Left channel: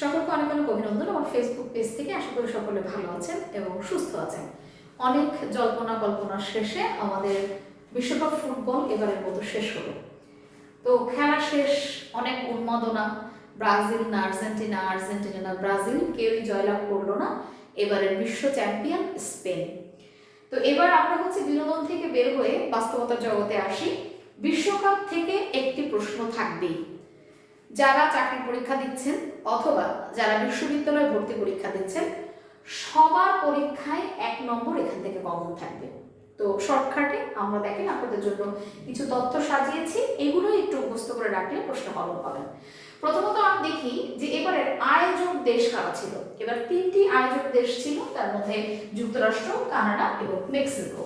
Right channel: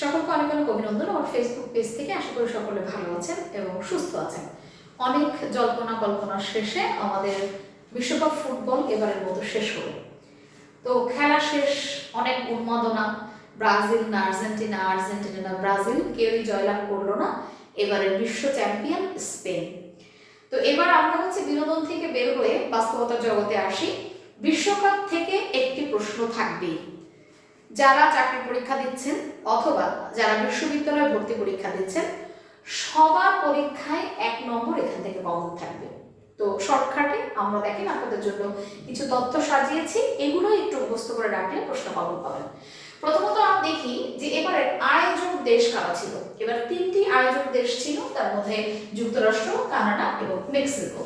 সকলকে অনেক অনেক অভিনন্দন আমার ফেসবুক পেজ থেকে। আশা করি সকলে ভালো আছেন এবং সুস্থ আছেন। অনেক জল্পনা কল্পনার শেষে আমাদের বিশ্বকাপ ফুটবল এবারের মতো শেষ হলো। তো খেলা শেষ, অনেক উন্মাদনা। ব্রাজিল না আর্জেন্টিনা, আর্জেন্টিনা না ব্রাজিল, কেউই জয়লাভ করলো না। এবারের বিশ্ব চ্যাম্পিয়ন স্পেন। তো এবার আমরা বিনোদন থেকে বের হয়ে বাস্তবতার জগতে আসি। বিশ্বকাপ থেকে একটি প্রশ্ন থাকবেই। যারা চাকরি পরীক্ষা দিচ্ছেন অথবা যারা বিশ্ববিদ্যালয়ে ভর্তি পরীক্ষা দিচ্ছেন, সবার পরীক্ষায় 1 নম্বর এখান থেকে কমন থাকবে। তো শর্টকাটে আমরা দেখেন আপনাদের জন্য কিছু তথ্য সাজিয়েছি, এগুলো একটু মুখস্থ করে রাখলে প্রশ্ন কমন পাবেন। প্রথমত আমরা দেখি যে এবারের আয়োজক দেশ কারা ছিল। এবার 3টি আয়োজক দেশ ছিল, তার মধ্যে যুক্তরাষ্ট্র, কানাডা এবং মেক্সিকো।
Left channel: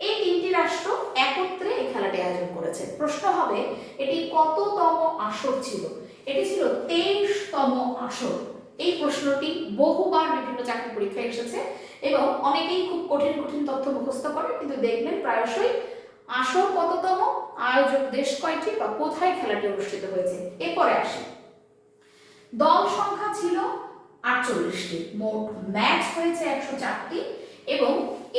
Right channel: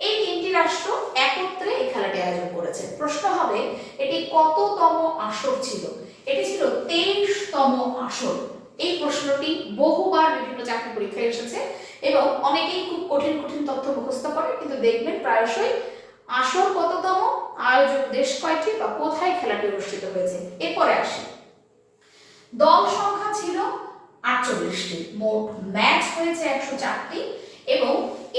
এই 3টি রাষ্ট্র একত্রে এই খেলাটি আয়োজন করেছে। প্রশ্ন হবে এটি কততম আসর ছিল। এটি ছিল 23তম আসর। এই প্রশ্নটি বহুবার বিভিন্ন চাকরি পরীক্ষায় এসেছে এবং অনেকেই খুব কঠিন কঠিন তথ্য মুখস্থ করে, কিন্তু দেখবেন প্রায়শই আসর কততম, আয়োজক দেশ কয়টি বা কোথায় খেলাটি অনুষ্ঠিত হয়েছে। এরপরে আসি, দল সংখ্যা ছিল 48টি, মোট ম্যাচ হয়েছে 104টি এবং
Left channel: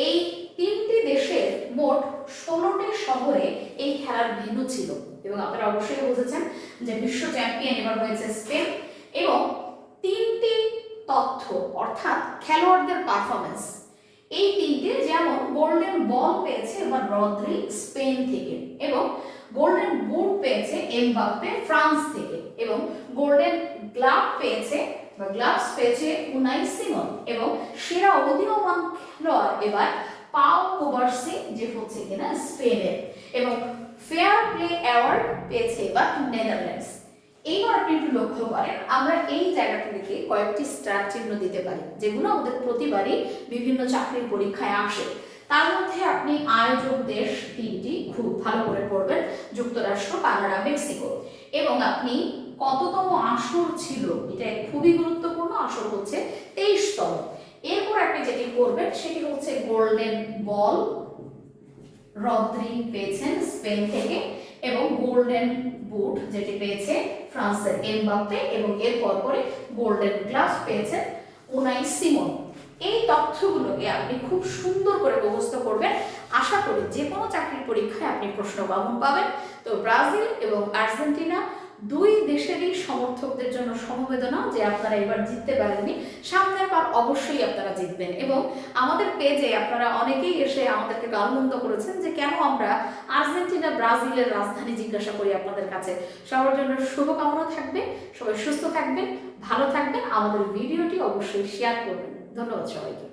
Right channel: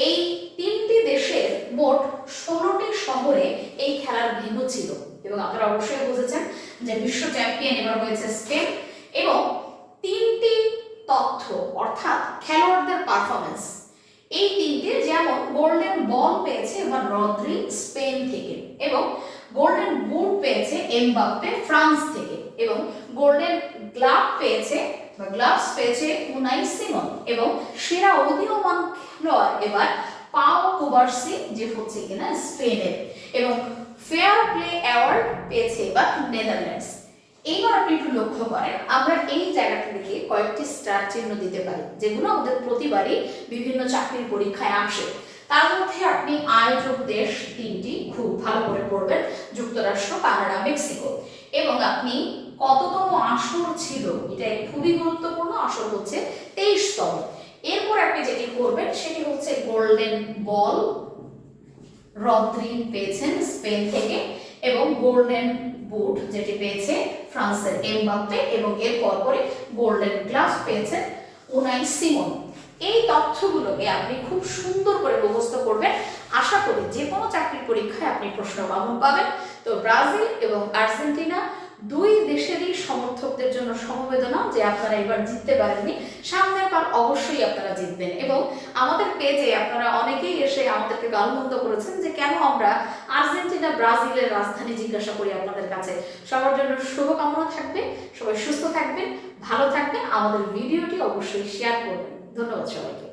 এই 3টি দেশের মোট 16টি শহরে এই খেলার ভেন্যু ছিল। এবং আপনারা অবশ্যই বুঝেছেন যে বিশ্ব চ্যাম্পিয়ন এবার হয়েছে স্পেন। এবং 3টি তথ্য অর্থাৎ খেলোয়াড়দের পারফরমেন্স, এই 3টে, যেমন গোল্ডেন বল পেয়েছে এবার রদ্রি স্পেন থেকে, এবং গোল্ডেন বুট পেয়েছে এমবাপ্পে ফ্রান্স থেকে, এবং গোল্ডেন গ্লাভ পেয়েছে বা গ্লাভস পেয়েছে উনাই সিমন, এবং সেরা উদীয়মান খেলোয়াড় এবার পাও কুবার্সি, যে হচ্ছে কিনা স্পেনের, এবং ফেয়ার প্লে অ্যাওয়ার্ড পেয়েছে এবার নেদারল্যান্ডস। এইবার আপনি একটু লক্ষ্য করেন, আমরা এই জায়গাটা থেকে কয়েকটি স্টার চিহ্ন দিতে পারি, যেগুলো আমাদের প্রতিবারই বিভিন্ন চাকরির পরীক্ষায় আসে। তার মধ্যে আপনি আয়োজক দেশ 3টি খুব ভালো করে পড়বেন, যুক্তরাষ্ট্র, কানাডা, মেক্সিকো। এবং আপনি কততম আসর ছিল, এটা খুবই গুরুত্বপূর্ণ। আসর হচ্ছে 23তম। এরপর আপনি যেটি করবেন সেটি হচ্ছে গোল্ডেন বল রদ্রি পেয়েছেন স্পেন থেকে, এবং গোল্ডেন বুট যেটি পেয়েছে ফ্রান্সের এমবাপ্পে, এবং এরপর পরে গোল্ডেন গ্লাভস পেয়েছেন উনাই সিমন। এই তথ্যগুলোকে আপনি খুব সুন্দর করে মুখস্থ করবেন। আশা করি যে কোনো চাকরির পরীক্ষায় আপনি প্রশ্ন কমন পাবেন। তো ব্রাজিল এবং আর্জেন্টিনা দুই দেশেরই সমর্থকদের জন্য সমবেদনা যে আপনারা এবার জিততে পারেননি, সামনের বার অবশ্যই আপনারা জিতবেন। এবং আমাদের পেজে আপনারা অনেকেই এসে আমাদেরকে গালমন্দ করেছেন যে কেন আমরা আর্জেন্টিনা ব্রাজিলের রাজধানী জিজ্ঞাসা করি আপনাদের কাছে। সবার জন্য শুভকামনা থাকবে, সবাই সুস্থ থাকবেন, ভালো থাকবেন। আমাদের ভিডিওটি অবশ্যই শেয়ার করবেন। ধন্যবাদ সবাইকে।